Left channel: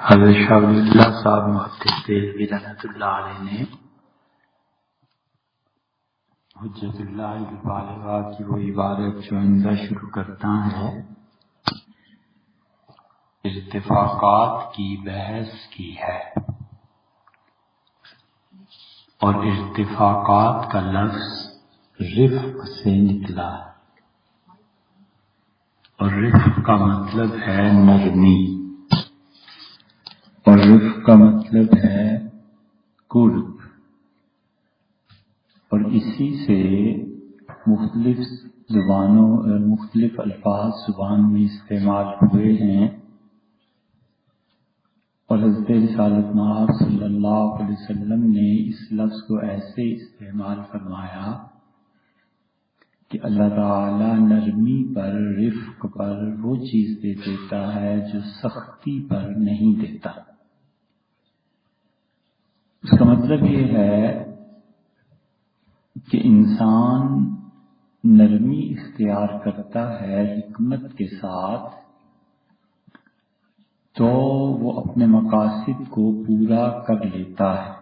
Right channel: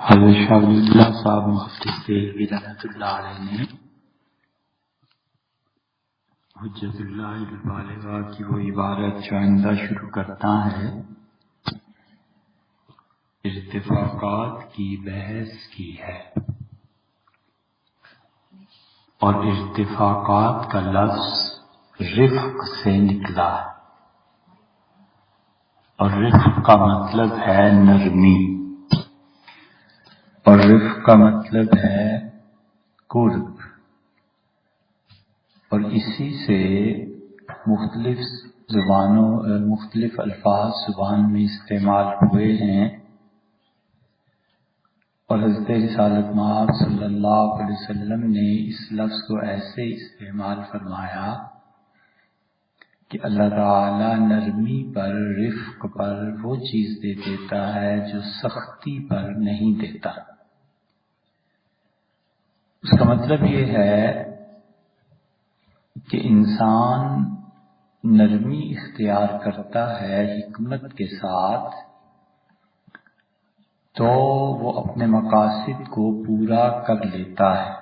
حضرت شاہ ولی اللہ صاحب محدث دہلوی رحمۃ اللہ علیہ نے حجت اللہ البالغہ کی وہ عبارت جو آئندہ شروع کرتا ہے، ارتفاقات کی بحث کی ہے، اور ارتفاقات کا لفظ رفق سے نکلا ہے، اور رفق کا مطلب ہے نرمی، اور رفق کا مطلب ہے قرب، اور اسی سے مختلف الفاظ زبان میں استعمال ہوئے ہیں، اور حضرت رسالت مآب صلی اللہ علیہ وسلم نے اس لفظ کو ایسے استعمال فرمایا کہ اللہ تعالی نرمی پر، رفق پر وہ چیز دے دیتا ہے جو سختی پر نہیں دیتا۔ اس کا مطلب یہ ہے کہ انسان نرمی اختیار کرتا ہے حکمت کے ساتھ تو وہ اپنے مقاصد کو پورا کر لیتا ہے۔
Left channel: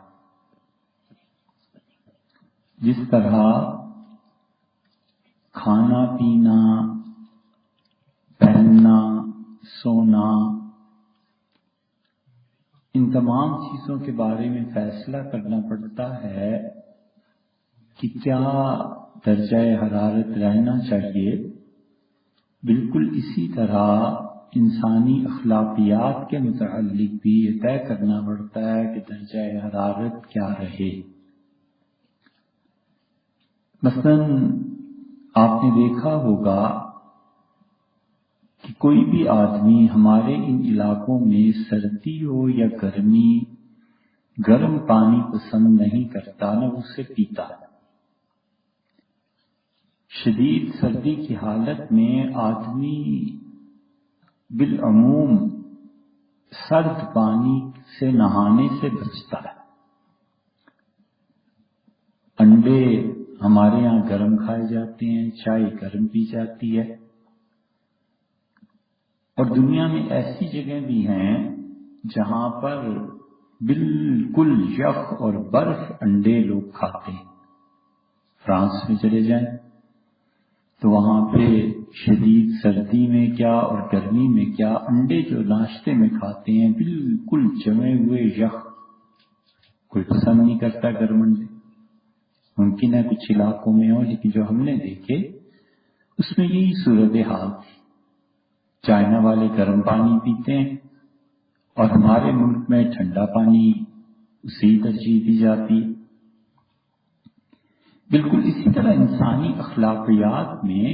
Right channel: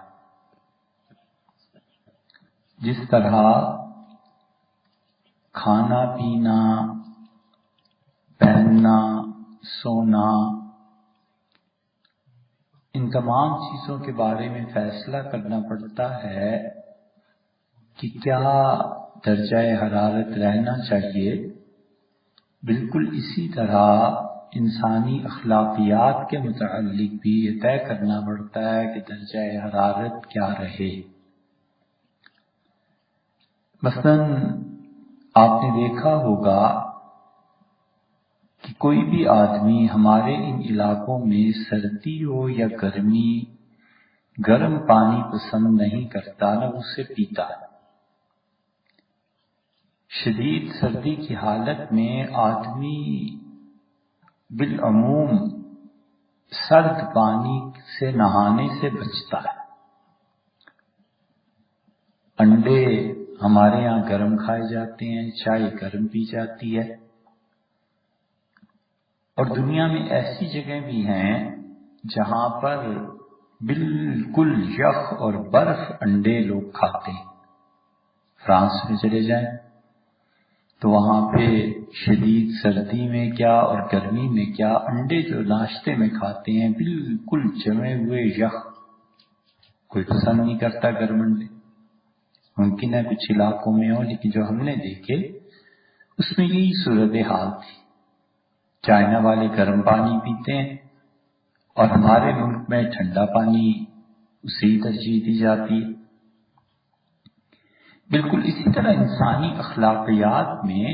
جس طرح کھانا پینا، پہننا، سونا، ان تمام چیزوں کے بارے میں فیصلہ کرنا پڑتا ہے کہ کیا درجہ حرارت رہنا چاہیے، بالکل اسی طرح انسانی اخلاقیات کے متعلق بھی یہ طے کرنا پڑتا ہے کہ درجہ حرارت کیا رہے۔ مثلا آپ نے دیکھا ہوگا کہ کوئی بھی آدمی ہمارے ان علاقوں میں سردی ہو یا گرمی، گرم پانی پسند نہیں کرتا، نہ اسے پیتا۔ شدید سردی کی حالت میں آدمی بالعموم سرد پانی سے نہانے سے بچتا ہے۔ انڈے ہمارے یہاں گرم کھائے جاتے ہیں، چائے گرم پی جاتی ہے، اور دنیا میں ایسی جگہیں بھی ہیں جہاں پر بالکل یخ اور برف انڈے لوگ کھاتے ہیں۔ فرانس میں چلے جائیں تو وہاں پہ شدید سردی میں کیا اور گرمی میں کیا، انڈے جو ناشتے میں کھاتے ہیں بالکل جمے ہوئے یخ، کوئی پسند نہیں کرتا گرم انڈے۔ ممکن ہے کچھ علاقوں میں ہو، لیکن جو ہم نے دیکھے اس میں یہی صورتحال تھی۔ چائنا والے گرم پانی پیتے ہیں اور ہمارے ملک میں ٹھنڈا پانی اسی ترجیح دی جاتی ہے۔ بالکل اسی طرح انسانی اخلاقیات میں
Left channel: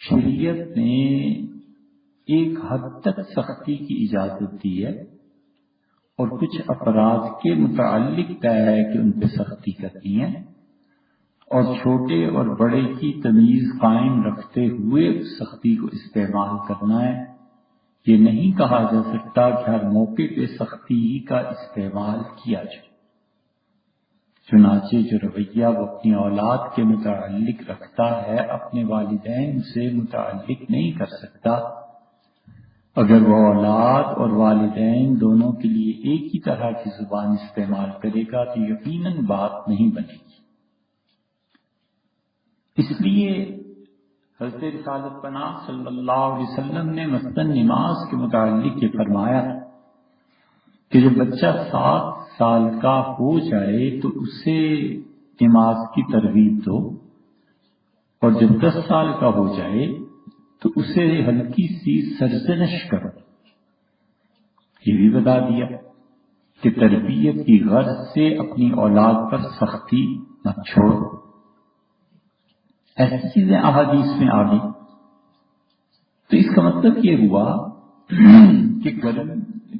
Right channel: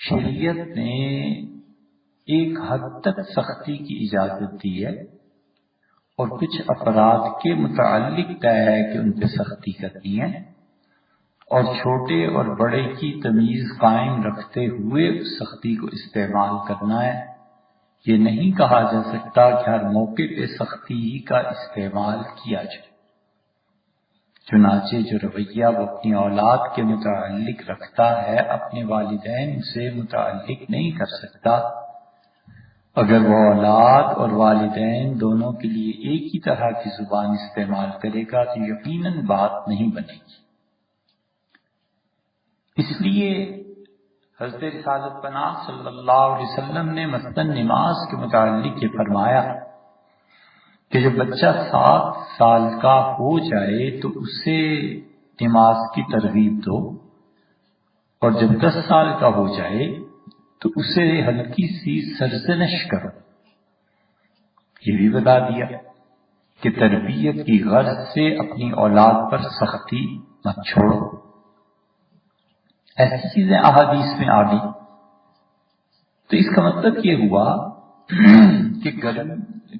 شریعت نے ایک حد تک سختی کی اجازت دی ہے، اور کچھ افراد کے متعلق طے ہے کہ ان پہ سختی کرنی ہے، اور چھوٹے اور بڑے کی تمیز قائم رکھتے ہوئے اس سختی کو استعمال کرنا ہے۔ یہ نہیں کہا جا سکتا کہ ہر موقع پہ سختی کا استعمال کیا جائے۔ چنانچہ جو رویہ وہ اپنی اولاد کے متعلق رکھتا ہے اپنے والدین سے متعلق نہیں کر سکتا۔ اگر وہ اولاد اور والدین دونوں کے لیے ایک ہی طرح کی زبان استعمال کرے گا تو یقیناً بات نہیں بنے گی۔ اس لیے حضرت رسالت پناہ صلی اللہ علیہ وسلم نے مثلاً نماز کے متعلق یہ فرمایا کہ جب بچہ 7 سال کا ہو جائے تو اسے نماز کی ترغیب دو، اور جب 10 سال کا ہو جائے تو اسے ہلکی سی سرزنش کرو۔ یہ بھی بتا دیا کہ تربیت کی غرض سے اپنی اولاد پر سختی مت چھوڑو۔ ایسی چیزیں احادیث میں آ گئی، تو اس کا مطلب یہ ہوا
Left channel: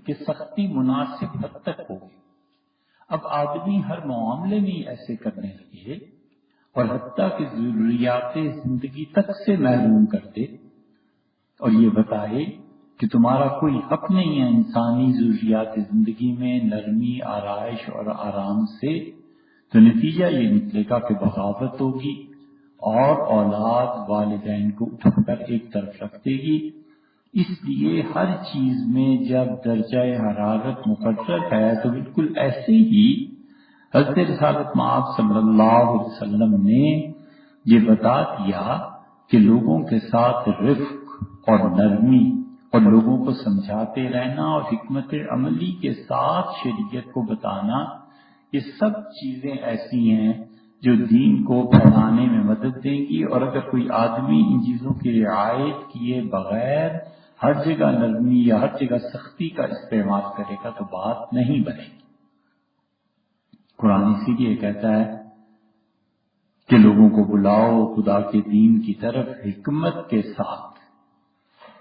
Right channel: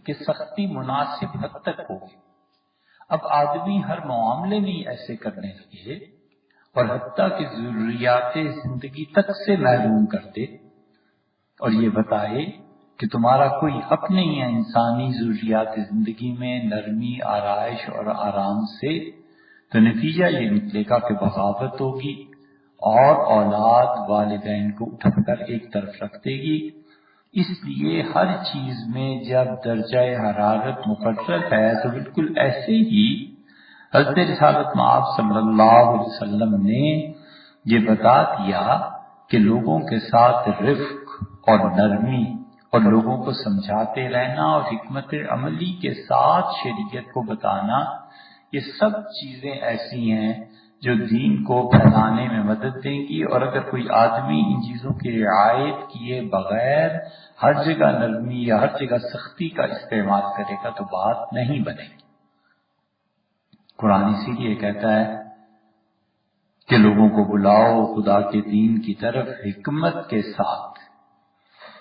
کہ سختی مناسب حد تک ہوگی۔ اب آدمی ہر معاملے میں ایسے کرنے لگے اور حتیٰ کہ ضروریات زندگی تک سے محروم کر دے، اور یہ بتائے کہ تمہارا کوئی حق نہیں ہے انسانی ضروریات زندگی میں نرمی، آرائش اور آرام سے، تو نتیجہ یہ نکلے گا کہ بغاوت ہوگی، اور اولاد والدین کو اٹھا کر ایک طرف رکھ دے گی، اس لیے ہر چیز میں جب درجہ حرارت مقرر ہے تو بالکل ایسے ہی حضرت رسالت مآب صلی اللہ علیہ وسلم نے یہ بتا دیا کہ لوگوں کے ساتھ رفق اور نرمی اور لوگوں کو سمجھاتے رہنا اور حکمت عملی کے ساتھ شریعت کو بتانا، یہ سب چیزیں ایسی ہیں جو دین کو پھیلانے میں مدد دیں گی. اور اگر کوئی آدمی ان چیزوں کی رعایت کیے بغیر ہر جگہ نرمی یا ہر جگہ سختی کا استعمال کرے گا تو بات نہیں بنے گی. قرآن اسی لیے کہتا ہے کہ لوگوں کو بلاؤ خدا کے دین کی طرف حکمت کے ساتھ.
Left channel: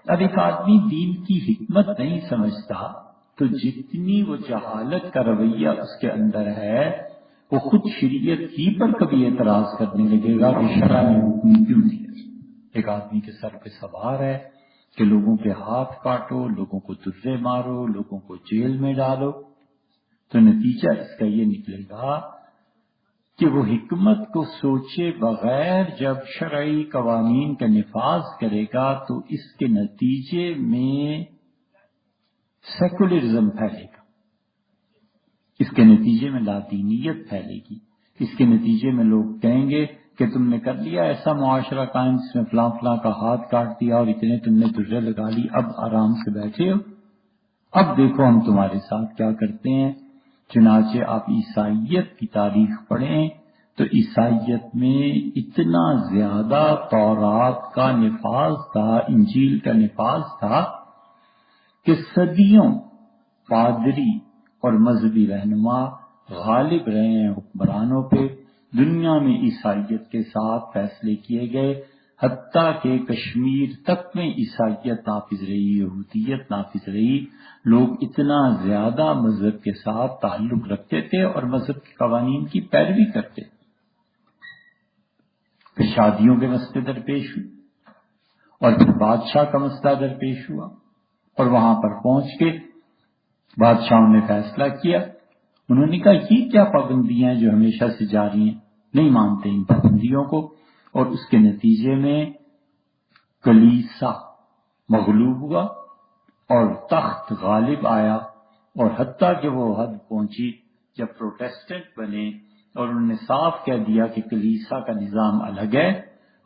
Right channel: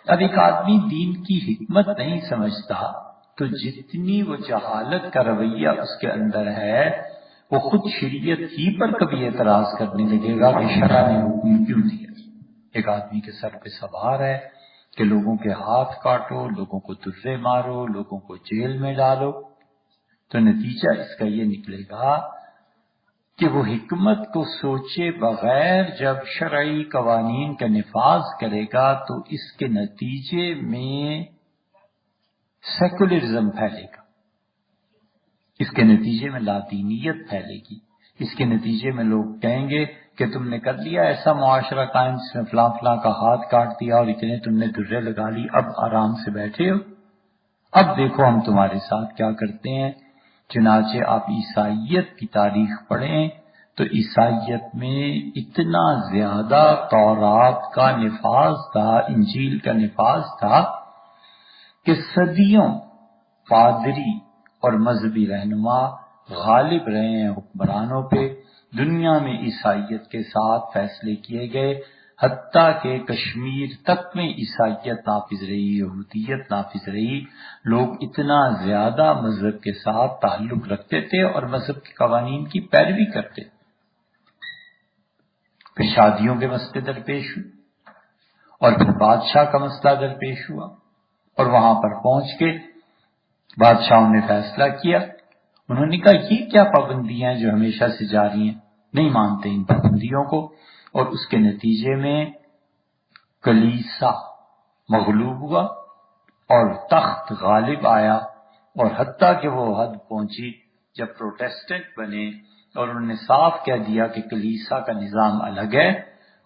اب ایک آدمی دین کی حکمت نہیں سمجھتا تو جتنی وہ جہالت کا رویہ اس کے اندر ہے وہ خود شریعت ہی پر کبھی اعتراض کرنے لگے گا کہ شرع نے حکم کیوں دیا. ایک آدمی کے سر پہ سوار ہے کہ لوگوں کے ہاتھ کاٹو، لوگوں کو درے مارو، لوگوں کو جیل میں ڈالو، تو نتیجہ اس کا یہ نکلے گا کہ وہ حکمت کو سوچے بغیر جب شرعی قوانین کا نفاذ کرے گا تو اس کے نتیجے میں سیکولرزم پھیلے گا، اس کے نتیجے میں لادینیت پھیلے گی، اس کے نتیجے میں لوگ کہیں گے کہ تم نے کر لیا ایسا معاشرہ قائم جس میں فلاں فلاں کا ہاتھ کاٹ دیا اور اتنے تم نے درے لگا لی، اب آرام سے بیٹھے ہو، اب دیکھو ہم تمہارے ساتھ کیا کرتے ہیں. چنانچہ آپ عیسائیت کی تاریخ پڑھیں تو عیسائیت میں اتنا زیادہ تورات کا نفاذ تھا، انجیل کا نفاذ تھا کہ صدیوں پادری اور مذہبی رہنما غالب رہے ہیں حکمرانوں پہ. دنیا میں عیسائیت کے ساتھ فیصلے کیے گئے، حتیٰ کہ کشمیر تک میں عیسائیت نافذ رہی، یہودیت نافذ رہی. لوگ اتنا زیادہ مذہب کے ساتھ تعلق رکھتے تھے اور مذہب کے قوانین کی پیروی کرتے. پھر شادیوں کے مسئلے درپیش ہوئے اور پھر بادشاہ کا مسئلہ درپیش ہوا اور وہاں پر پہنچ کے بادشاہوں نے فیصلہ کیا. انہوں نے کہا یہ کیا پابندیاں ہیں جو ہمیشہ سے جاری ہیں، نہیں مانتے ان پابندیوں کو. اور اس کے نتیجے میں کلیسا مغلوب ہوا اور تخت غالب آیا، اور حتیٰ کہ وہ حد پہنچی جب پروٹیسٹنٹ بنے اور انہوں نے صاف کہہ دیا کہ کلیسا کا نظام الگ ہے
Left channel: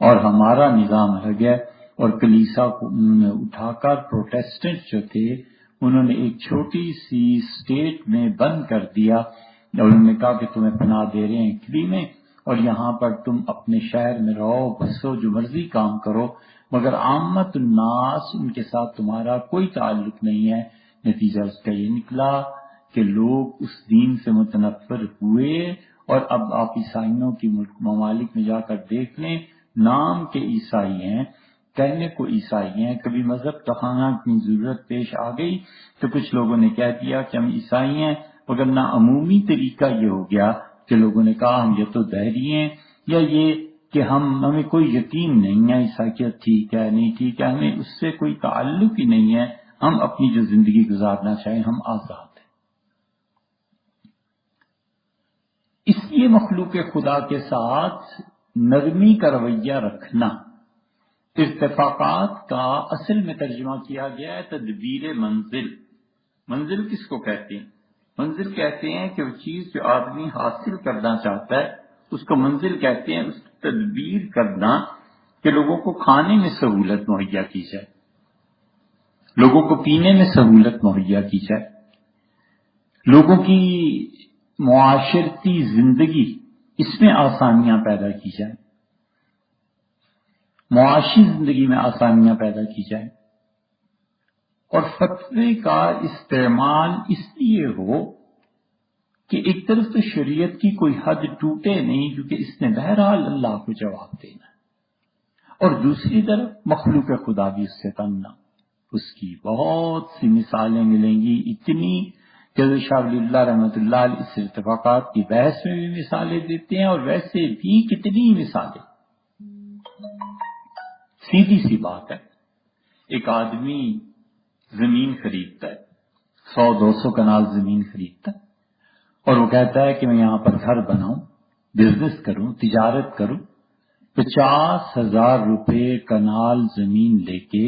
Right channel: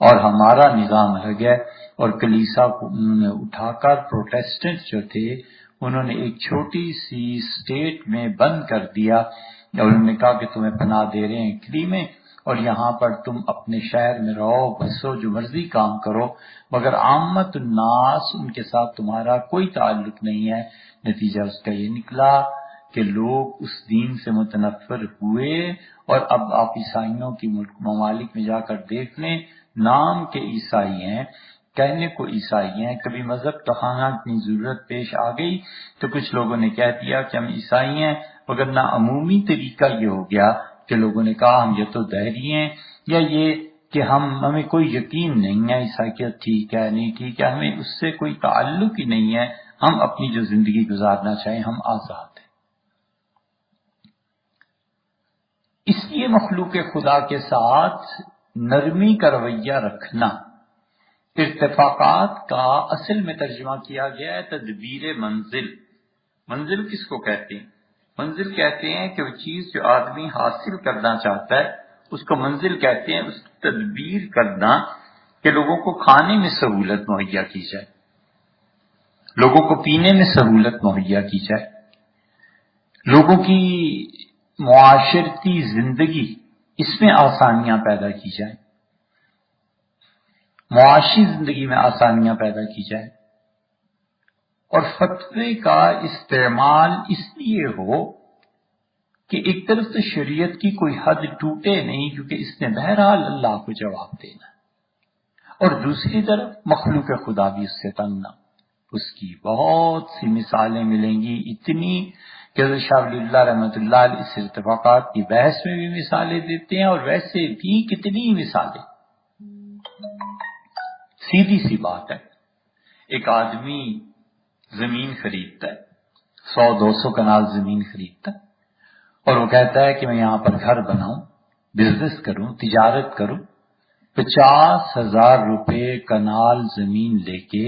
اور ہمارا نظام الگ ہے. اور کلیسا کو اٹھا کر پروٹیسٹنٹ جو تھے انہوں نے ایک چھوٹی سی اسٹیٹ میں بند کر دیا اور انہوں نے کہا کہ تمہیں پناہ دے رہے ہیں اٹلی میں اور یہاں پر تم اپنے شہر میں رہو بسو جو مرضی کام کرو، مگر عامت الناس ان کے ساتھ تمہارا کوئی تعلق نہیں ہے. نتیجہ اس کا یہ نکلا کہ لوگ اس دین سے متنفر ہوئے. اور اب آپ عیسائیوں کی ممالک میں جا کر دیکھ لیں، نام کے عیسائی ہیں، کہنے کو عیسائی ہیں. کبھی مذہب دکھانا کی ضرورت پیش آ گئی تو کچھ لوگوں نے کہہ دیا کہ ہم عیسائی ہیں، مگر نہ عمومی طریقہ یہ ہو گیا کہ لوگوں نے کہا ہم یہ تو دہری ہیں، یا یہ کہ ہمیں کوئی یقین نہیں ہے عیسائیت ٹھیک ہے نہیں ٹھیک ہے، ہمیں اس سے کوئی تعلق ہی نہیں ہے، ہم اپنی جو زندگی گزارنا چاہیں ہم آزاد ہیں. اس لیے مخلوق خدا کے ساتھ نرمی کا رویہ رکھنا. اتفاقات کا اصل میں ترجمہ کیا گیا ہے تدبیر منزل. منزل کس کو کہتے ہیں؟ منزل کہتے ہیں کہ وہ چیز جو آدمی حاصل کرنا چاہتا ہے اس کو منزل کہتے ہیں. اس کی تدبیر کرنا کہ لوگوں کو کھانے میں سہولت مہیا کی جائے، لوگوں کو پینے میں سہولت مہیا کی جائے، لوگوں کی معاشرتی زندگی اس میں آسانیاں پیدا کی جائیں، معاشی زندگی میں آسانیاں پیدا کی جائیں. اور فتوے کا استعمال اس لیے ہو کہ ایک طرف تو شریعت کی کوئی حد ٹوٹے نہیں کیونکہ اس نے بہرحال اللہ کو جواب دینا ہے، اور دوسری طرف مخلوق خدا بھی اس سے تنگ نہ. اس کی بہت سی مثالیں ملیں گی، اتنی کہ حضرت شاہ ولی اللہ رحمۃ اللہ علیہ اس اتفاقات کی بحث میں بھی مثالیں دیتے ہیں، اور ویسے بھی کتنی مثالیں. سیدھی سی بات ہے، ایک آدمی زمین خریدتا ہے، 100-200 کنال زمین خریدتا ہے اور وہ کہتا ہے کہ میں یہاں پر گھر بناؤں، بزنس کروں، تجارت کروں. 50,000 روپے کنال زمین لے کے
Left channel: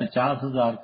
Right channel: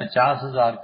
50,000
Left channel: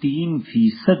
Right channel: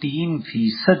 3%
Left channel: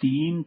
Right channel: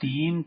3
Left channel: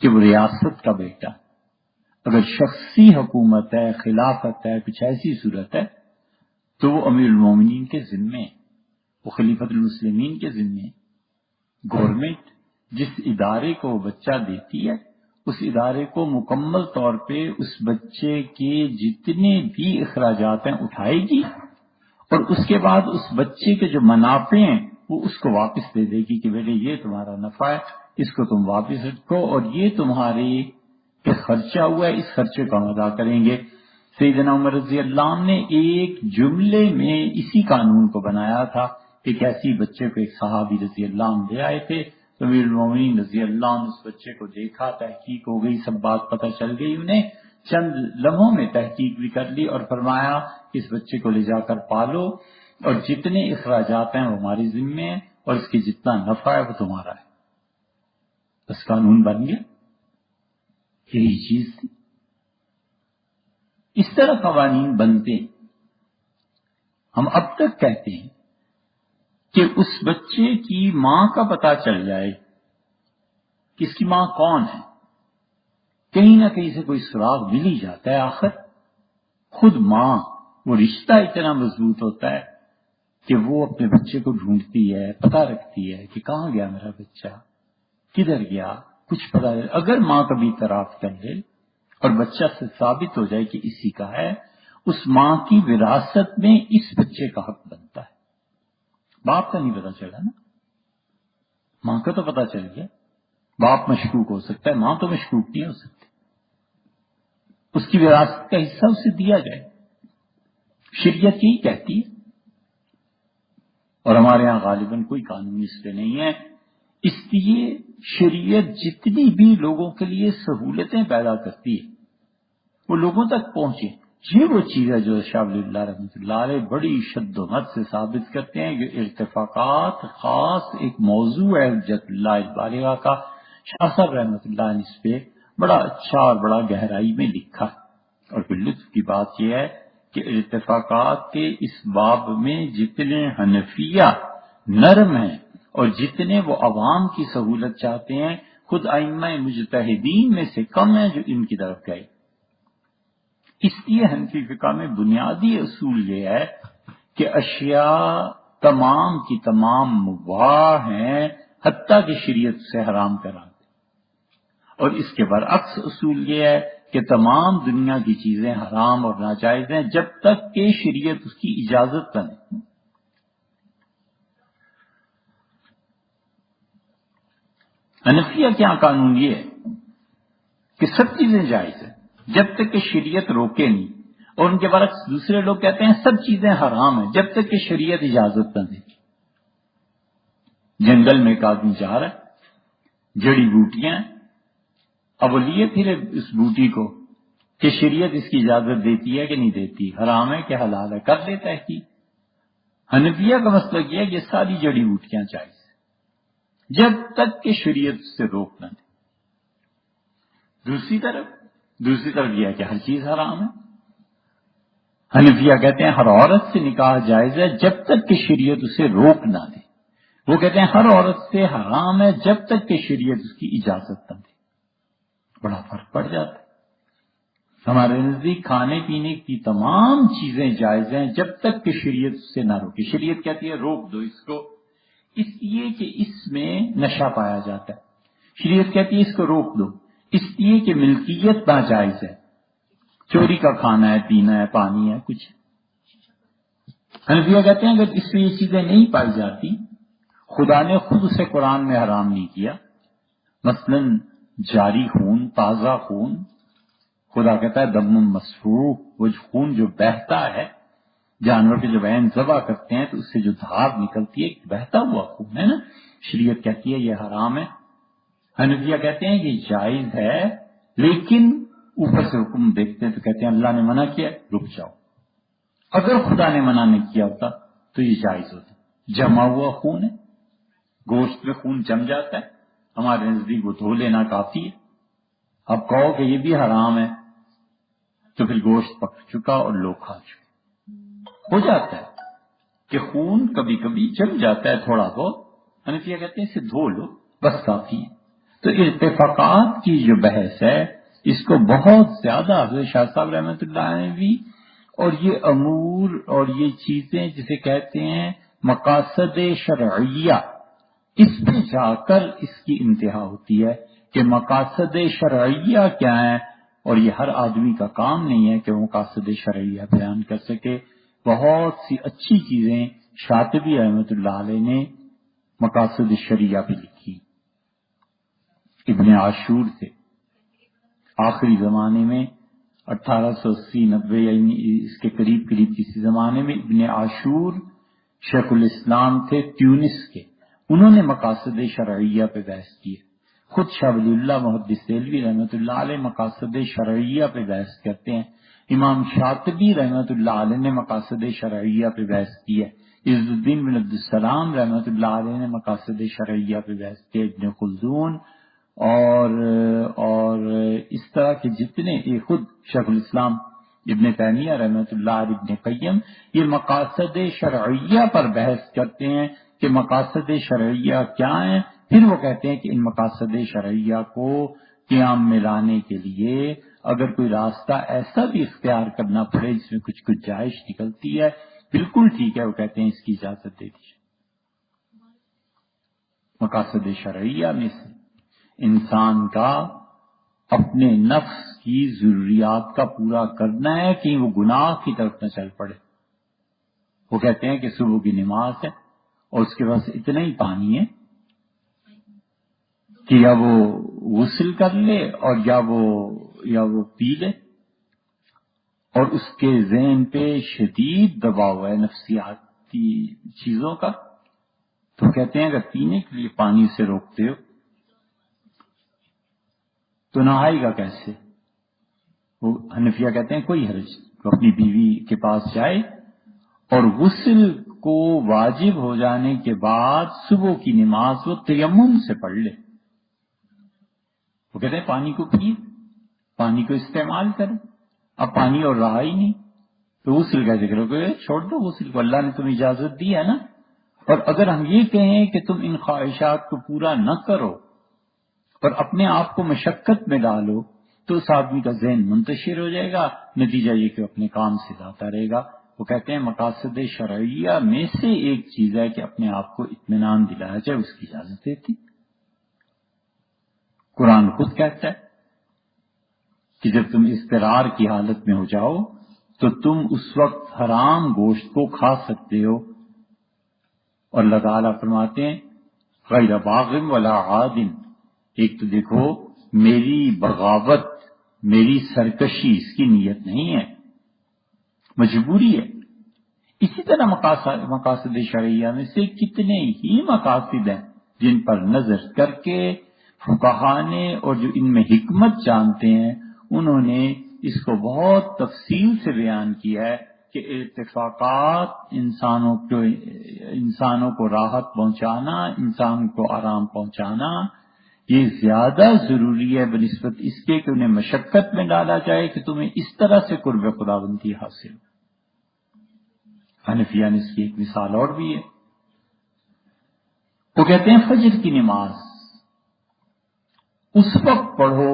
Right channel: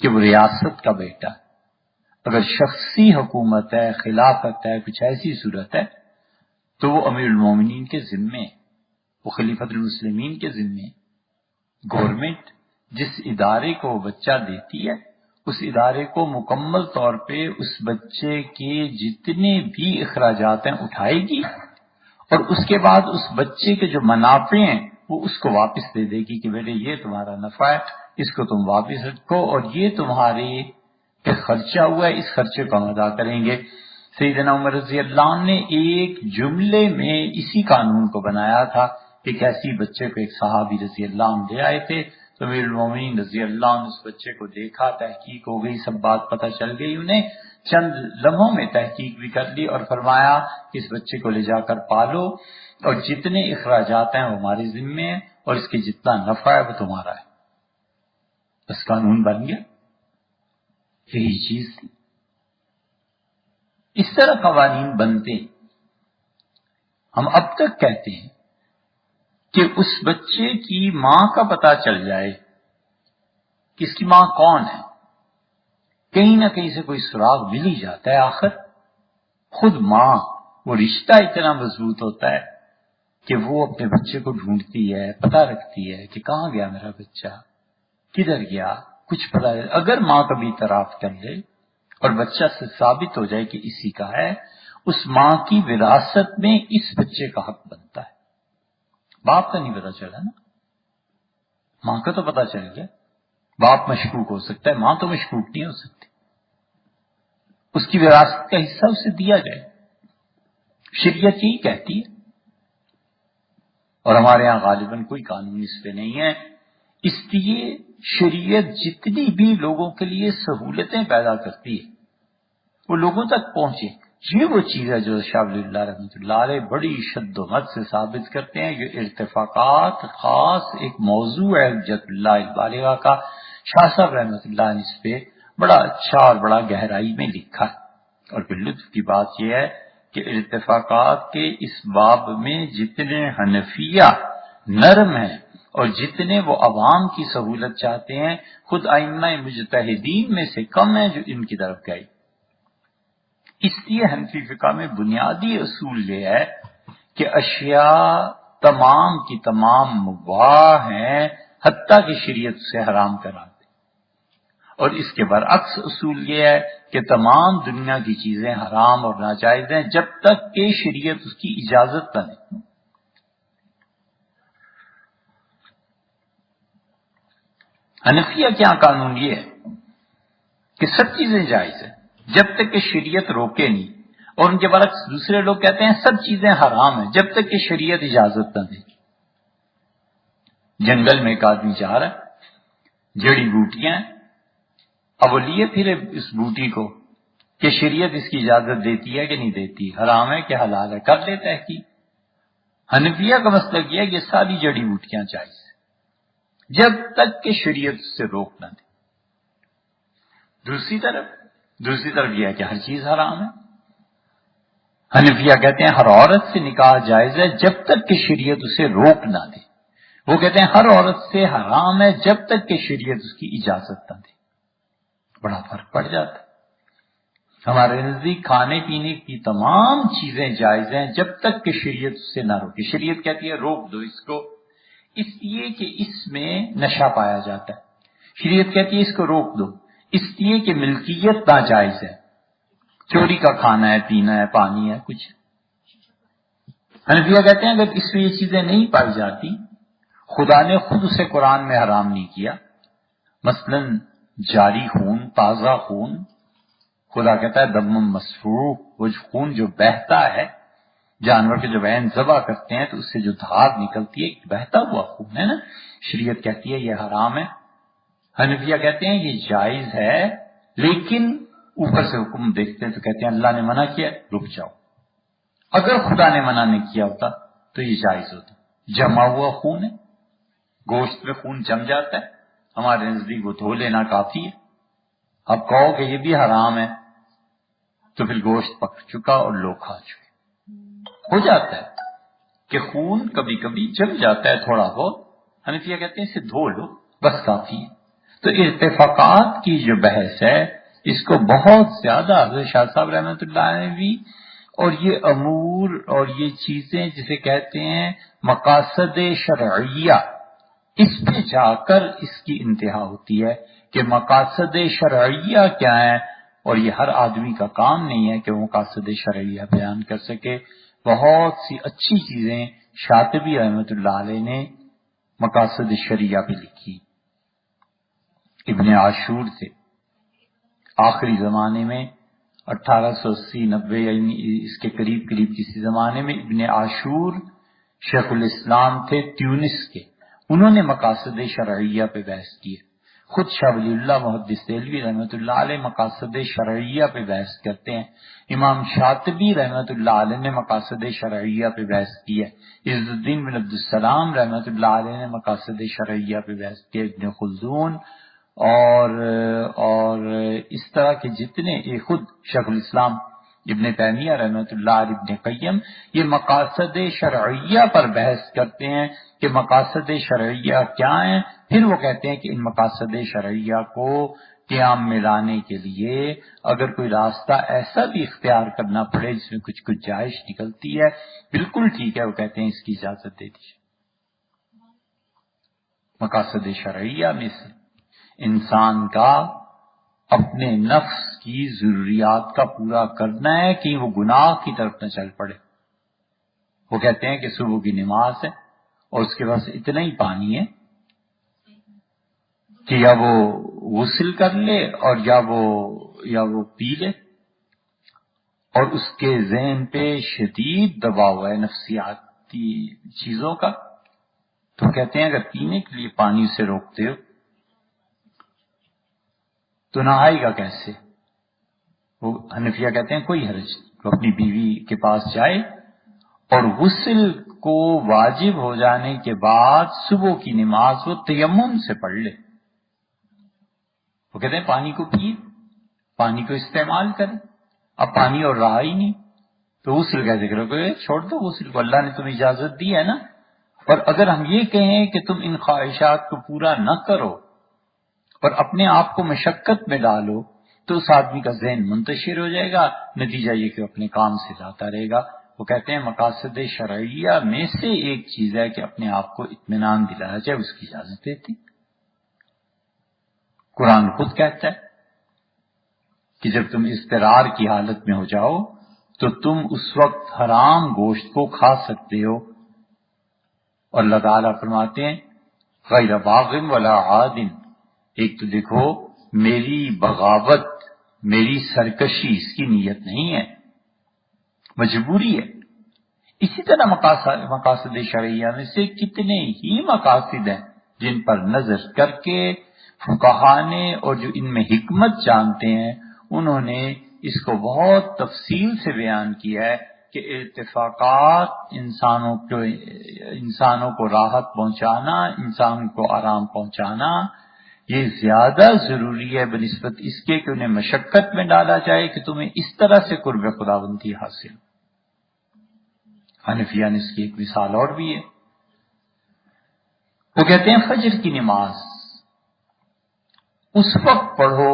کہ وہ ریاست کا بیٹا ہے. اگر شخصی حکومت ہے، خلافت ہے، کچھ ایسی صورت ہے تو وہ امیر المومنین کے ذمے ہے، وہ خلیفۃ المسلمین کے ذمے ہے. گورنمنٹ جس ادارے کو وہ بچہ دیتی ہے اس ادارے کو مکمل طور پہ اس بچے کے جتنے بھی اخراجات ہیں اٹھائے گی، اور اس کے بعد اس بچے کے جو منافع ہیں وہ اس کو واپس دے دے گی کہ بیٹے یہ تمہارا نفع ہے، اس کو تم واپس رکھو، اور یہ تمہارے پہ خرچہ ہوا ہے، اس خرچے کو ہم ادا کریں گے. سیدنا عمر رضی اللہ عنہ نے ایک جملے میں اسی قانون کو بنایا تھا کہ کیسی بچے کو ایک صحابی رضی اللہ عنہ لے آئے تھے تو امیر المومنین رضی اللہ عنہ اس بچے کو دیکھا، تحقیق ہو گئی، سب بات پتہ چل گئی انہیں، چند لمحوں میں تحقیق بھی کر لی اور فرمایا کہ اس بچے کو لے جا کر پالو اور جتنے اخراجات ہیں وہ ہمارے ذمے ہیں اور اس کی جتنا نفع ہے وہ تمہارا ہے. بس قانون بن گیا. یہی چیز تھی. اس طرح قوانین بنتے ہیں. ہم اب تک کہتے ہیں کہ اس بچے کی ماں کا پتہ چل جائے کہ اس کی ماں کون ہے، کہیں نہ کہیں سے کوئی سراغ مل ہی جاتا ہے. آخر خود ماں، وہ رشتہ اتنا مضبوط ہوتا ہے کہ وہ اپنے بچے کو ڈھونڈتی ہے، پتہ رکھتی ہے کہ کہاں گیا میرا بچہ، کدھر گیا، کچھ پتہ. اگر ماں کبھی اعتراف کر لے اور بچہ سے ثابت ہو جائے کہ اسی کا ہے، اس ماں کی وراثت میں اس بچے کا حق بنتا ہے. باپ کا نہیں پتا چلا نا، ماں کا تو پتا چل گیا. باپ مشکوک ہو سکتا ہے، ماں تو مشکوک نہیں ہو سکتی. اس کی وراثت کا حصہ اسے دیا جائے. شریعت یہی کہتی ہے، اور ہمارے یہاں غالباً کوئی قانون اس پہ نہیں ہے. اس لیے شریعت جتنی بھی لوگوں کے لیے سہولتیں پیدا کرتی ہے وہ لوگوں تک پہنچے. یہ وہ چیز ہے جو شاہ ولی اللہ رحمۃ اللہ علیہ بڑی شد و مت سے ثابت کرتے ہیں. یہ ارتفاقات خاص ایک موضوع ہے حجت اللہ البالغہ کا. شاہ صاحب رحمۃ اللہ نے اس پہ بڑا اچھا اور بڑا گہرائی میں لکھا ہے. اور پھر لطف کی بات یہ ہے کہ ارتفاقات کے اس باب میں جتنے حنفیہ نرم ہیں اور جتنے وہ عوام کی سہولت چاہتے ہیں، خود ائمہ مجتہدین میں سے کم ہیں جو ان کی طرف گئے. اس لیے حنفی فقہ میں بنیادی اصول یہ ہے کہ اشیاء تمام کی تمام مباح ہیں حتیٰ کہ شریعت سے حرام کرا دے. اور اس کے برعکس اصول یہ ہے کہ تمام دنیا کی چیزیں حرام اور ناجائز ہیں جب تک کہ شریعت اس کی اجازت نہ دے. حنفیہ کیا قانون یہ ہے کہ سب چیزیں جائز ہیں جب تک کہ شریعت روکے نہیں، اور ان کے برعکس دوسرے لوگ کہتے ہیں سب چیزیں حرام ہیں جب تک کہ شریعت اجازت نہ دے. جنگل میں ایک آدمی جا رہا ہے، جڑی بوٹیاں ہیں، اب وہ لیے پھر اس بوٹی کو کہ شریعت اس کی اجازت دیتی ہے کہ نہیں دیتی، حرام ہے کہ حلال ہے، کر لیتا ہے کہ حنفیہ کا مسئلہ یہ ہے کہ ساری جڑی بوٹیاں جائز جب تک کہ شریعت اس سے روک نہ دے. دوسری طرف یہ ہے کہ ہر چیز حرام ہے. حنفیہ کہتے ہیں ہر عورت سے نکاح جائز ہے جب تک کہ شریعت اسے روک نہ دے. وہ کہتے ہیں ہر عورت سے حرام ہے جب تک کہ شریعت اس کی اجازت نہ دے. بڑا فرق پڑ جاتا ہے. ہمارے نزدیک کھانے پینے کی تمام چیزیں جائز ہیں جب تک کہ شریعت اس سے نہ روکے. شریعت کہتی ہے روک دو اس کو، اس لیے کہ اس میں نشہ پایا جاتا ہے. شریعت کہتی ہے اس کو روک دو اس لیے کہ ملکیت ناجائز ہے، چوری کا کھانا ہے، پینا ہے، پانی ہے، کچھ. حنفیہ کہتے ہیں اگر اس میں یہ چیزیں نہیں پائی جاتی، خدا نے خود اسے قرآن میں حرام نہیں کیا. مثلا جاری خون، تازہ خون، خدا کہتا ہے دم مسفوح، وہ خون جو بہتا ہے، جانور کے جب عین ذبح کرتے ہیں تو اس سے جو دھار نکلتی ہے بہتا ہوا خون ہے نا، شریعت کہتی ہے یہ حرام ہے. حنفیہ کہتے ہیں یہ جائز ہے، لیکن اوپر سے حکم دیکھتے تو کہتے ہیں اللہ نے منع کیا، رک جاؤ. اگر خدا نے منع نہیں کیا ہوتا تو یہ جائز ہوتا. جمع ہوا خون ہے، گوشت میں خون جم جاتا ہے، ہمارے نزدیک وہ دھو لینا کافی ہے. اب کہو کہ یہ بھی حرام ہے تو پھر گوشت پک چکا اور لوگ کھا چکے. ہو جاتا ہے کہ خون کبھی کبھی جم جاتا ہے تھوڑا بہت، حنفیہ کہتے ہیں اسے دھو لو بس کافی ہے. تو ارتفاقات کی جو بحث ہے اس کو بہت زیادہ حضرت شاہ صاحب رحمۃ اللہ علیہ نے بھی، اور یہ امور اور یہ چیزیں جسے کہتے ہیں مقاصد شرعیہ، اس پہ جا کر اس کی انتہا ہوتی ہے کہ مقاصد شرعیہ کیا ہے، اور یہ ہر آدمی کا کام نہیں ہے کہ وہ مقاصد شرعیہ بیان کر سکے۔ بہت سی اچھی چیزیں شاطبی رحمۃ اللہ علیہ نے مقاصد شرعیہ پہ لکھی۔ ابن عاشور سے آخری زمانے میں 1880-90 یعنی اس کے قریب کسی زمانے میں ابن عاشور شیخ الاسلام تھے تیونس کے، انہوں نے مقاصد شرعیہ پہ بحث کی ہے۔ خود شاہ ولی اللہ محدث دہلوی رحمۃ اللہ علیہ مقاصد شرعیہ پہ بحث کرتے ہیں۔ امام شاطبی رحمۃ اللہ علیہ نے مقاصد شرعیہ پہ بحث کی ہے۔ عز الدین بن عبدالسلام رحمۃ اللہ علیہ نے مقاصد شرعیہ پہ بحث کی ہے۔ ابن خلدون اور اس طرح کے جتنے خود شیخ الاسلام ابن تیمیہ رحمۃ اللہ علیہ، ابن قیم، یہ مقاصد شرعیہ پر بحث کرتے ہیں کہ مقاصد شرعیہ کیا ہیں۔ پھر وہ کہتے ہیں کہ ان مقاصد شرعیہ کو قیام میں لانے کے لیے اگر کوئی راستہ ایسا بھی اختیار کرنا پڑے جس میں کچھ گنجائش نکلتی ہے، بالکل ٹھیک ہے، وہ کہتے ہیں اس کی اجازت دے دیجیے۔ مقاصد شرعیہ میں سے انسان کا اپنے نفس کی ضروریات کا پورا کرنا ہے کہ وہ گناہ کی طرف نہ چل پڑے۔ وہ کہتے ہیں کہ صبح کی نماز ہے اور اس کے پاس اتنا ہی پانی ہے کہ یا وہ غسل کر لے اور یا وہ پی لے، اور اس کے ذہن پہ شدید دباؤ ہے نفسیاتی چیزوں کا، تو کہتے ہیں اگر پینے کے لیے پانی سے روکتے ہو تو نہائے گا کیسے؟ وہ حنفیہ کہتے ہیں کوئی حرج نہیں، وہ اپنی بیوی کے پاس جائے اور غسل کو واجب ہو جانے کے بعد صبح کی نماز وہ تیمم سے پڑھ لے۔ وہ کہتے ہیں پانی کو پیے، پانی کو استعمال کرے، اب پانی اور رہا ہی نہیں تو غسل کیسے کرو گے؟ چھوڑ دو غسل کو، اللہ نے تمہیں اجازت دی ہے نا۔ اور اگر ہم یہ کہیں کہ تم ان خواہشات کو پورا نہ کرو اور اپنے آپ کو مشقت میں ڈالو تو اس آدمی کا ذہن منتشر ہو جائے گا، نتیجہ یہ کہ اپنے کام سے جاتا رہے گا۔ وہ کہتے ہیں مقاصد شرعیہ میں سے ایک چیز ہے کہ اپنے آپ کو اطمینان دلانا چاہے، اس کی اجازت دیتی۔ قرآن خود کہتا ہے کہ جب تم اضطرار کی حالت میں ہو جاؤ تو تم اس وقت حرام گوشت کو کھا سکتے ہو، اور اللہ تعالیٰ فرماتے ہیں غیر باغ ولا عاد، ایک تو دیکھو میری بغاوت، میری سرکشی اس کی نیت نہیں ہے، مجبوری ہے۔ اسی طرح مقاصد شرعیہ میں سے کتنے ہی مقاصد ہیں جن پر نظر کر کے فقہا نے اور جو ان میں حکمت جانتے ہیں انہوں نے اس کو بہت تفصیل سے بیان کیا ہے کہ ارتفاقات انسانوں کو راحت پہنچانا، انسان کو آرام پہنچانا، یہ زیادہ ضروری ہے بنسبت اس کے کہ انہیں مشقت میں ڈالا جائے کہ تمہیں اس طرح سے قرب خداوندی حاصل ہو۔ حنفیہ نے اس کی ایک مثال اور بھی ہے، وہ کہتے ہیں فجر کی نماز اس وقت پڑھو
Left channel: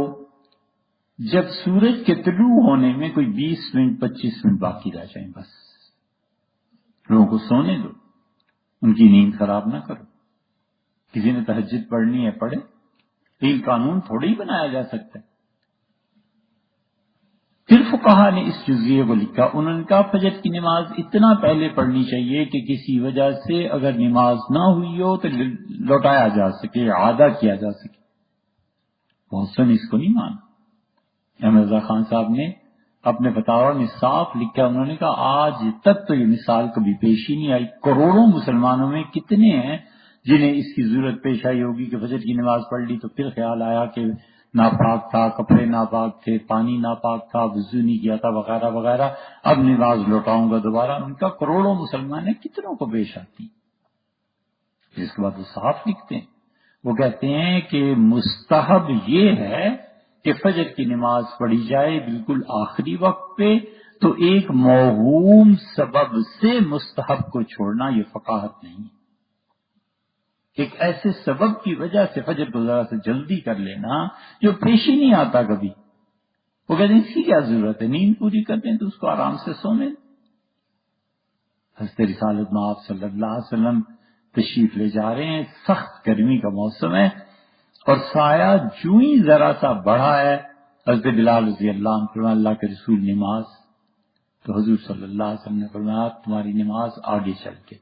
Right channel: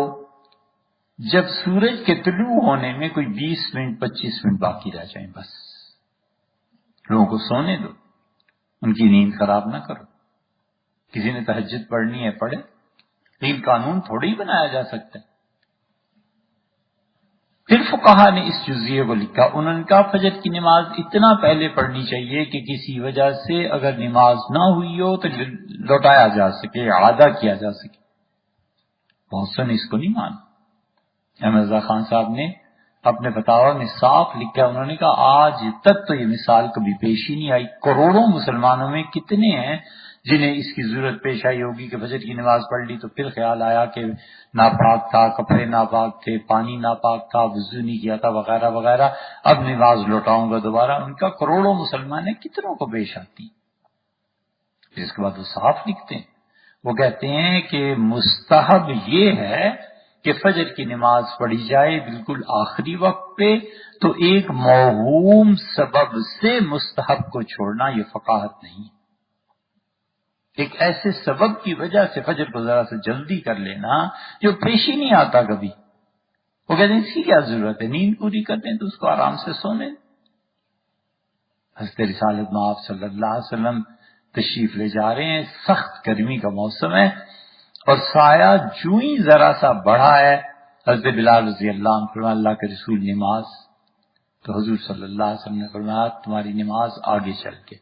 جب سورج کے طلوع ہونے میں کوئی 20 منٹ 25 منٹ باقی رہ جائیں، بس لوگوں کو سونے دو، ان کی نیند خراب نہ کرو۔ کسی نے تہجد پڑھنی ہے پڑھے، لیکن قانون تھوڑی بنایا جا سکتا ہے۔ پھر فقہا نے اس جزیے کو لکھا، انہوں نے کہا فجر کی نماز اتنا پہلے پڑھنی چاہیے کہ کسی وجہ سے اگر نماز نہ ہوئی ہو تو لوٹایا جا سکے، اعادہ کیا جا سکے۔ بہت سے نے اس کو نہیں مانا۔ احمد رضا خان صاحب نے اپنے فتاوی میں صاف لکھا، انہوں نے کہا آج تک تو یہ مثال کبھی پیش ہی نہیں آئی، کروڑوں مسلمانوں میں کتنے ہیں جنہیں اس کی ضرورت پیش آئی ہوگی کہ فجر کی نماز پڑھ لی تو پھر خیال آیا کہ ناپاک تھا، کپڑے ناپاک تھے، پانی ناپاک تھا، وضو نہیں کیا تھا، وغیرہ وغیرہ، اب نماز لوٹاؤں گا دوبارہ۔ ان کا کروڑوں مسلمان ہیں، کتنوں کو پیش آتی۔ پھر اس کے بعد وہ صاف لکھتے ہیں، وہ کہتے ہیں کہ مستحب یہ ہے کہ فجر کی نماز پڑھی جائے بالکل آخری وقت پہ، تو ایک موہوم سبب سے مستحب کو چھوڑنا یہ فقاہت نہیں ہے۔ ایک ایسے سبب کی وجہ سے فجر کو ذرا سے جلدی کر لینا جو پیش ہی نہیں آتا کبھی. وہ کہتے ہیں اس کی کیا ضرورت ہے، نیند پوری کرتے ہیں تو اس کو آرام سے سونے. حضرت رسالت مآب صلی اللہ علیہ وسلم تشریف لے جا رہے ہیں، سخت گرمی کا موسم ہے اور سایہ جو ہی ذرا سا بڑھا ہے، حضرت بلال رضی اللہ عنہ فرمایا اللہ کے رسول نماز. تو حضور صلی اللہ علیہ وسلم نے فرمایا تمہاری نماز آگے چل کے.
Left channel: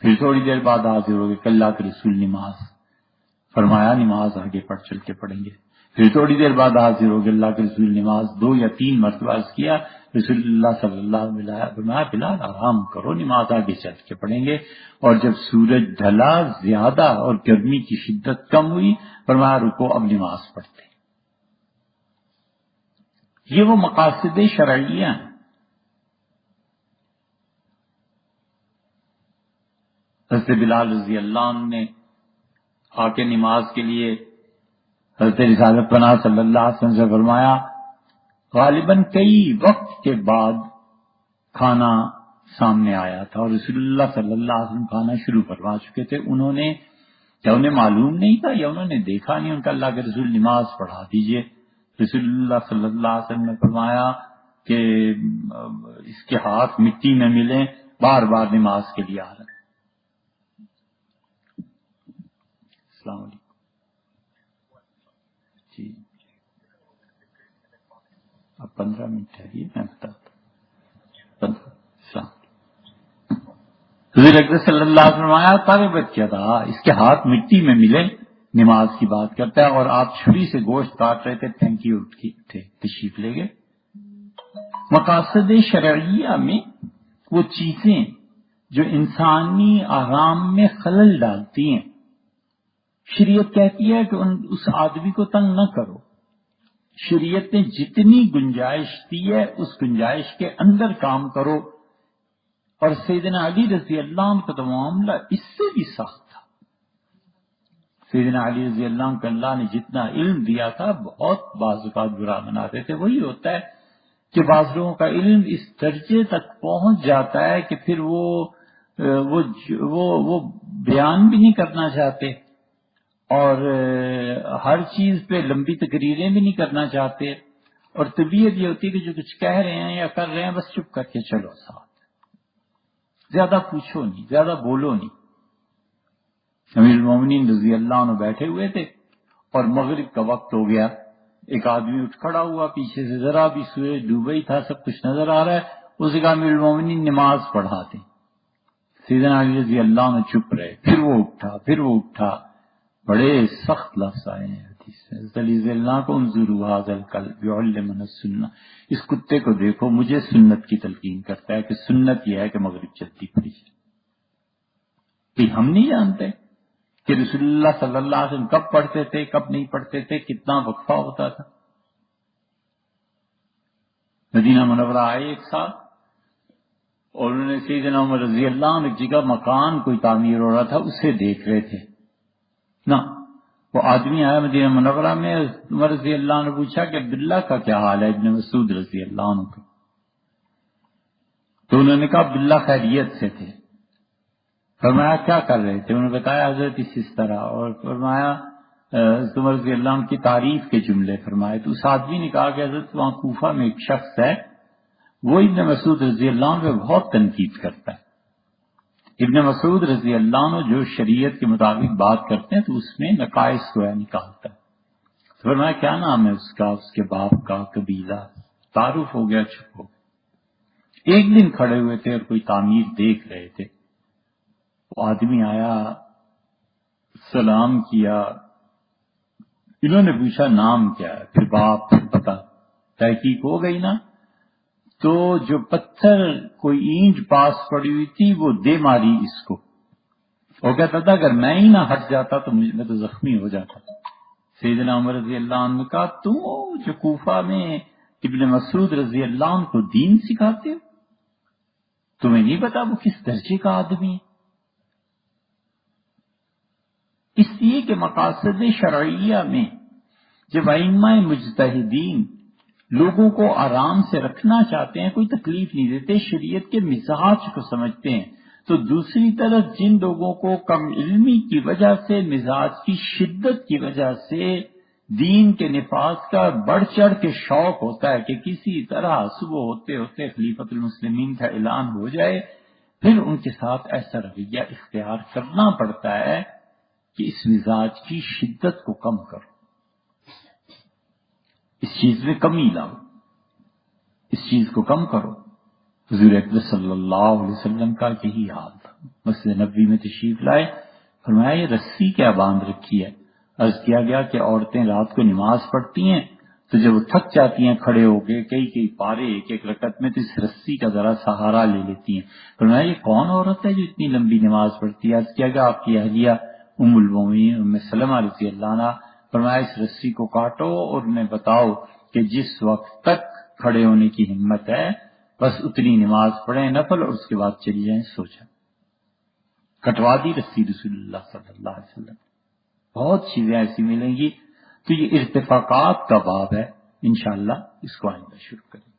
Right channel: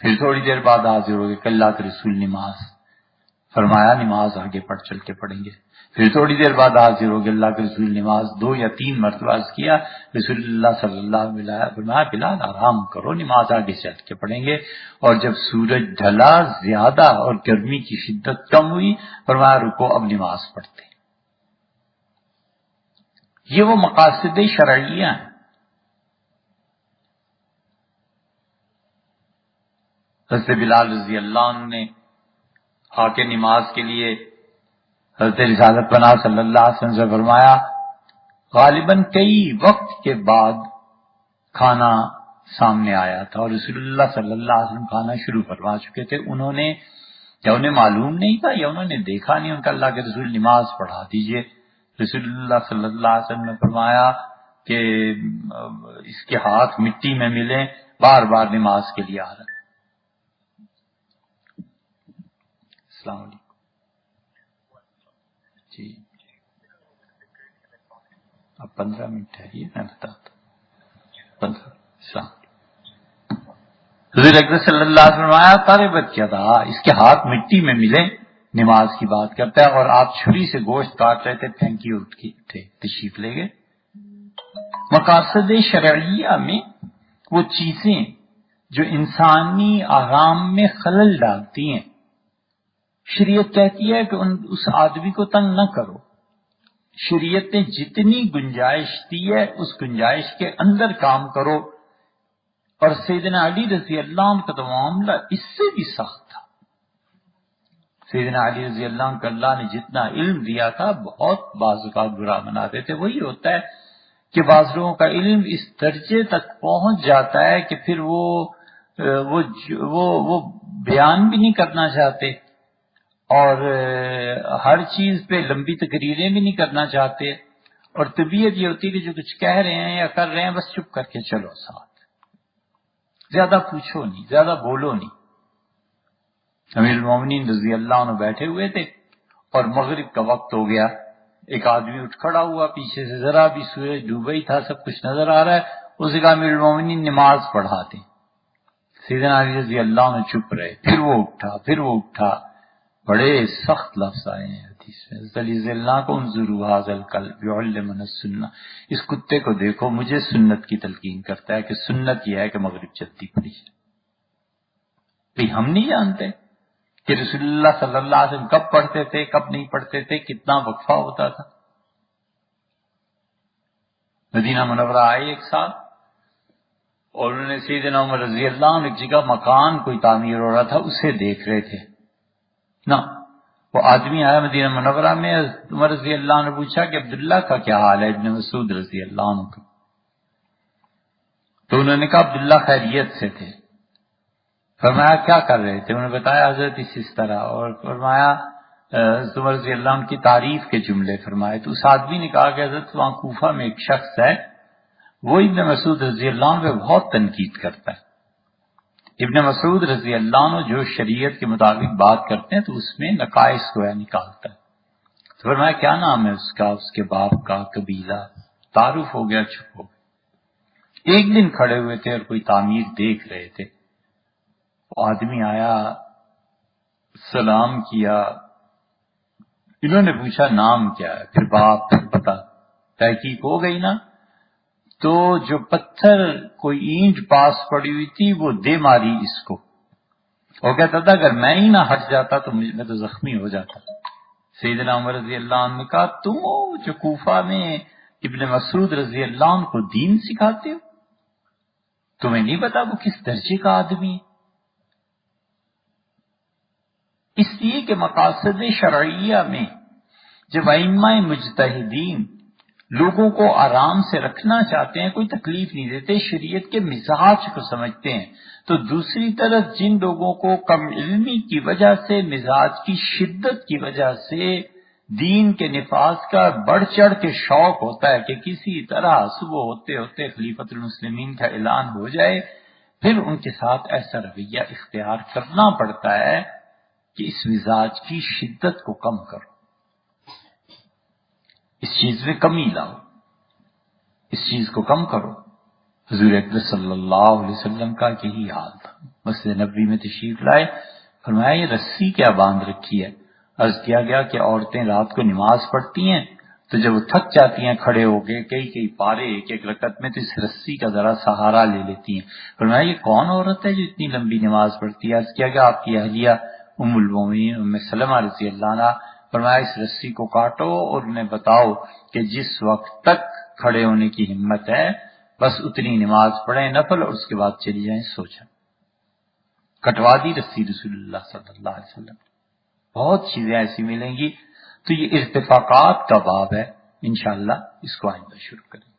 پھر تھوڑی دیر بعد حاضر ہو گئے کہ اللہ کے رسول نماز. فرمایا نماز آگے چل کے پڑھیں گے. پھر تھوڑی دیر بعد حاضر ہو گئے اللہ کے رسول نماز 2 یا 3 مرتبہ عرض کیا. رسول اللہ صلی اللہ علیہ وسلم فرمایا بلال آرام کرو، نماز آگے چل کے پڑھیں گے. اور جب سورج ڈھلا زیادہ اور گرمی کی شدت کم ہوئی فرمایا رکو اب نماز پڑھتے. یہ وہ مقاصد شرعیہ ہیں. حضرت بلال رضی اللہ عنہ نے آ کے نماز کے لیے حضرت رسالت پناہ صلی اللہ علیہ وسلم سے فرمایا. غالباً کئی وقت کے بعد کھانا سامنے آیا تھا اور رسول اللہ صلی اللہ علیہ وسلم کھانا شروع فرما چکے تھے. انہیں معلوم نہیں تھا یا انہوں نے دیکھا نہیں، ان کا اللہ کے رسول نماز پڑھا دیجئے. رسول اللہ صلی اللہ علیہ وسلم نے فرمایا کہ اس کے ہاتھ مٹی میں ملیں، بار بار نماز کے لیے آ رہا ہے. السلام علیکم. جی اب 15 منٹ ٹھہریے میں بتاتا ہوں. 15. السلام حضور اکرم صلی اللہ علیہ وسلم طالبت کیا تھا اس کے ہاتھ مٹی میں ملے، نماز کی بات کرتا ہے اور آپ چھری سے گوشت کاٹ رہے تھے. تھینک یو تھے، تشریف لے گئے. مقاصد شرعیہ میں وہ چیزیں جو انسانی آرام میں خلل ڈالتی ہیں، شریعت کہتی ہے کہ اس آدمی کو تنگ نہ کرو. شریعت نے جتنی گنجائش دی ہے اس گنجائش کے اندر کام کرو. اور سیدنا علی رضی اللہ عنہ کا تو معاملہ اس سے بھی سخت تھا. سیدنا علی رضی اللہ عنہ کو اللہ نے جتنا علم دیا تھا بہت بعض اوقات برا مناتے تھے. وہی ہوتا ہے کہ بعض لوگوں کا علم اس درجے تک پہنچ جاتا ہے کہ پھر وہ بیان بھی نہیں کرنا چاہتے اور ہر چیز پہ لمبی تقریریں بھی نہیں کرنا چاہتے. اور طبیعت یہ ہوتی ہے کہ جو کچھ کہہ رہے ہیں یا کر رہے ہیں بس چپ کر کے چلو ساتھ، زیادہ پوچھو نہیں، زیادہ بولو نہیں. امیر المومنین رضی اللہ عنہ بیٹھے ہوئے تھے اور مغرب کا وقت ہو گیا. ایک آدمی اٹھ کھڑا ہوا، پیچھے سے ذرا بھی سورج ڈوبا ہی تھا، سب کچھ نظر آ رہا ہے. اسے کہا امیر المومنین نماز پڑھاتے. سیدنا علی رضی اللہ عنہ چپ رہے. پھر وہ اٹھا. بڑے سخت لفظ آئے ہیں حدیث میں. علی رضی اللہ کو انظروا ھذا الکلب یعلمنا السنہ، اس کتے کو دیکھو مجھے سنت کی تلقین کرتا ہے کہ سنت یہ ہے کہ مغرب جلدی پڑھی جائے. کہ ہم نہیں جانتے کہ رسول اللہ صلی اللہ علیہ وسلم کب پڑھتے تھے کب نہیں پڑھتے تھے، کتنا وقفہ ہوتا تھا. مدینہ منورہ آئے ایک سال اور انہوں نے سیدنا عمر رضی اللہ عنہ ایک جگہ مکان کوئی تعمیر ہو رہا تھا اسے دیکھ رہے تھے. نا وہ آدمی آیا مدینہ منورہ میں، عمر رضی اللہ عنہ نے پوچھا کہ عبداللہ کا کیا حال ہے، ابن مسعود رضی اللہ عنہ کا. تو انہوں نے کہا عبداللہ خیریت سے تھے. فرمایا کیا کر رہے تھے؟ انہوں نے بتایا حضرت اس طرح، اور فرمایا عمر رضی اللہ عنہ کی تعریف کے جملے فرمائے. تو اس آدمی نے کہا کہ حضرت وہاں کوفہ میں ایک شخص ہے وہ ابن مسعود رضی اللہ عنہ پہ بہت تنقید کرتا ہے. ابن مسعود رضی اللہ عنہ جو شریعت کے مطابق بات کرتے ہیں تو اس میں نقائص کو نکالتا ہے. تو فرمایا کیا نام ہے اس کا، اس کے باپ کا، قبیلہ. تعارف ہو گیا، چھپ ہو گیا. ایک دن کھڑے ہوئے تھے اور کوئی تعمیر دیکھ رہے تھے. آدمی آیا، سلام کیا. انہوں نے پوچھا نام کیا ہے، پھر باپ، پھر پتا. تحقیق ہو گئی نا. تو جو پتھر کوئی اینٹ پاس پڑی ہوئی تھی وہ دے ماری اس کو. وہ کہتا تھا اگر میں ہی نہ ہٹ جاتا تو میں تو زخمی ہو جاتا. سیدنا عمر رضی اللہ عنہ نے کہا تم جو کوفہ میں ابن مسعود رضی اللہ عنہ کو دین سکھاتے ہو، تمہیں نہیں پتا وہ کس درجے کا آدمی ہے؟ اس لیے کہ مقاصد شرعیہ میں جب ائمہ مجتہدین لوگوں کو آرام سے رکھنا چاہتے ہیں، کوئی تکلیف نہیں دیتے، شریعت کے مزاج کو سمجھتے ہیں، تو دوسری طرف جن لوگوں کو کم علمی کی وجہ سے، مزاج کی شدت کی وجہ سے دین کے نفاذ کا بڑھ چڑھ کے شوق ہوتا ہے کہ کسی طرح صبح ہوتے ہوتے خلیفۃ المسلمین کا اعلان ہو جائے، پھر ان کے ساتھ ایسا رویہ اختیار کرنا پڑتا ہے کہ اس مزاج کی شدت کو کم کرو، اس چیز میں کمی لاؤ، اس چیز کو کم کرو۔ حضور اکبر صلی اللہ علیہ وسلم کا یہی حال تھا، مسجد نبوی میں تشریف لائے، فرمایا یہ رسی کیا باندھ رکھی ہے؟ عرض کیا گیا کہ عورتیں رات کو نماز پڑھتی ہیں تو جب وہ تھک جاتی ہیں کھڑے ہو کے کئی پارے ایک ایک رکعت میں، تو اس رسی کا ذرا سہارا لے لیتی ہیں۔ فرمایا یہ کون عورت ہے جو اتنی لمبی نماز پڑھتی ہے؟ عرض کیا گیا آپ کی اہلیہ ام المومنین ام سلمہ رضی اللہ عنہا۔ فرمایا اس رسی کو کاٹو اور انہیں بتاؤ کہ جس وقت تک کھڑے ہونے کی ہمت ہے بس اتنی نماز پڑھیں نفل، اور اس کے بعد چلی جائیں، سو جائیں۔ کٹوا دی رسی رسول اللہ صلی اللہ علیہ وسلم۔ بہت چیزیں ایسی ملیں گی۔ تو یہ ارتفاقات کا باب ہے، انشاءاللہ اس کو آئندہ شروع کریں گے۔